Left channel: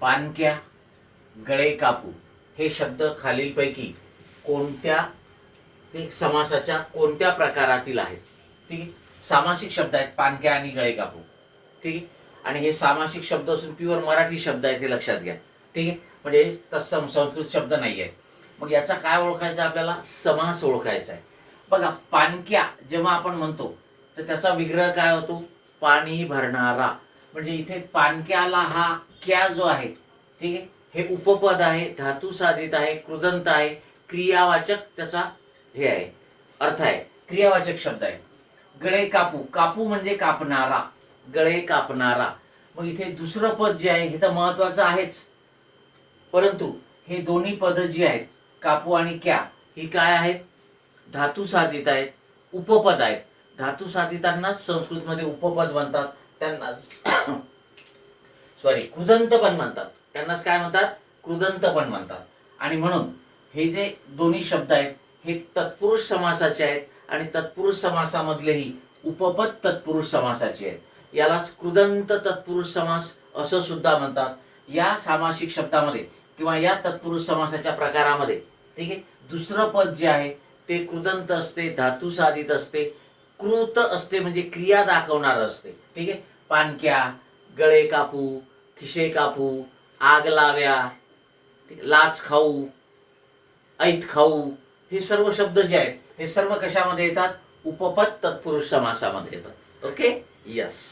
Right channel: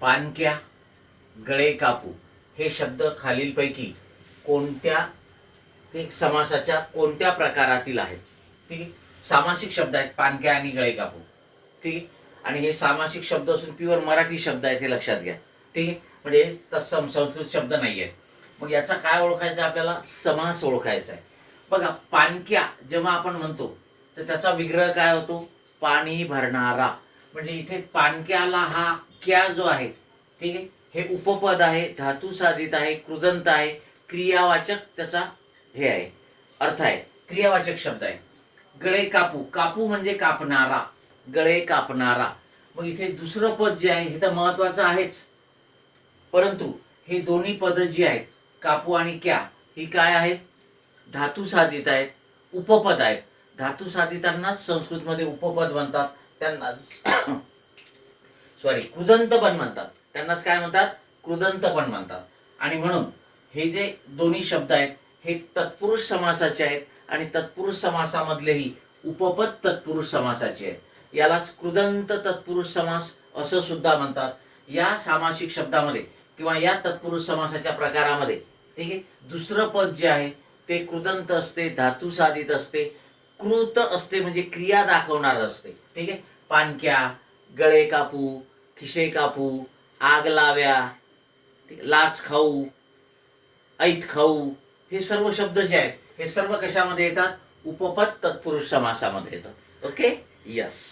पानक्या, गळे कापू हे शब्द खालीलपैकी कोणत्या ते समासाच्या कोणत्या प्रकारातील आहेत? ठीक आहे, सामासिक शब्द आहेत पानक्या आणि गळे कापू. ठीक आहे, आणि हे सामासिक शब्द असून प्युअर मराठी शब्द आहेत हे लक्षात घ्या. ठीक आहे, म्हणजे तत्सम संस्कृत शब्द नाही आहे. मग याचा काय ओळखायचं आपल्याला? समास ओळखायचा आहे. बघा, पानक्या जेव्हा आपण म्हणतो तर त्याचा विग्रह काय होतो? पाणी भरणारा. म्हणजे इथे पानक्याला हा क्या जो आहे, ठीक आहे, हे उपपद आहे, धातू साधित आहे, कृदंत आहे, क्रियावाचक त्याचा हे आहे, अर्थ आहे, क्रियावाचक शब्द आहे. गळे कापू, कापू म्हणजे कापणारा, गळे कापणारा. मग इथे दुसरं पद जे आहे हे तर महत्वाचं आहेच, परंतु हे दोन्ही पद जी आहेत कापू आणि क्या ही काय आहेत? धातू साधित आहेत, उपपद आहेत. धातू साधितांनाच संस्कृतमध्ये उपपद म्हणतात, त्यांना सॉरी कृदंत पण म्हणतात. त्यांनाच काय म्हणतात? कृदंत पण म्हणतात. आणि म्हणून हे जे दोन्ही शब्द आहेत हे तत्पुरुष समासाचे आहेत आणि तत्पुरुष समासामधलेही उपपद तत्पुरुष समासाचे आहेत. यालाच कृदंत तत्पुरुष समास असं सुद्धा म्हणतात. या सामासिक शब्दामध्ये किंवा या तत्पुरुष समासाच्या प्रकारामध्ये, ठीक आहे, दुसरं पद जे आहे ते कृदंत असते, धातू साधित असते, कृत असते म्हणजे क्रिया दाखवणार असते. ठीक आहे, पानक्या, गळे कापू, खिशे कापू, आग लाव्या, लाच खाऊ, ऐत खाऊ, हे सर्व शब्द जे आहेत हे सर्व कशामध्ये येतात? उपपद तत्पुरुष समासामध्ये येतात. Okay, yes.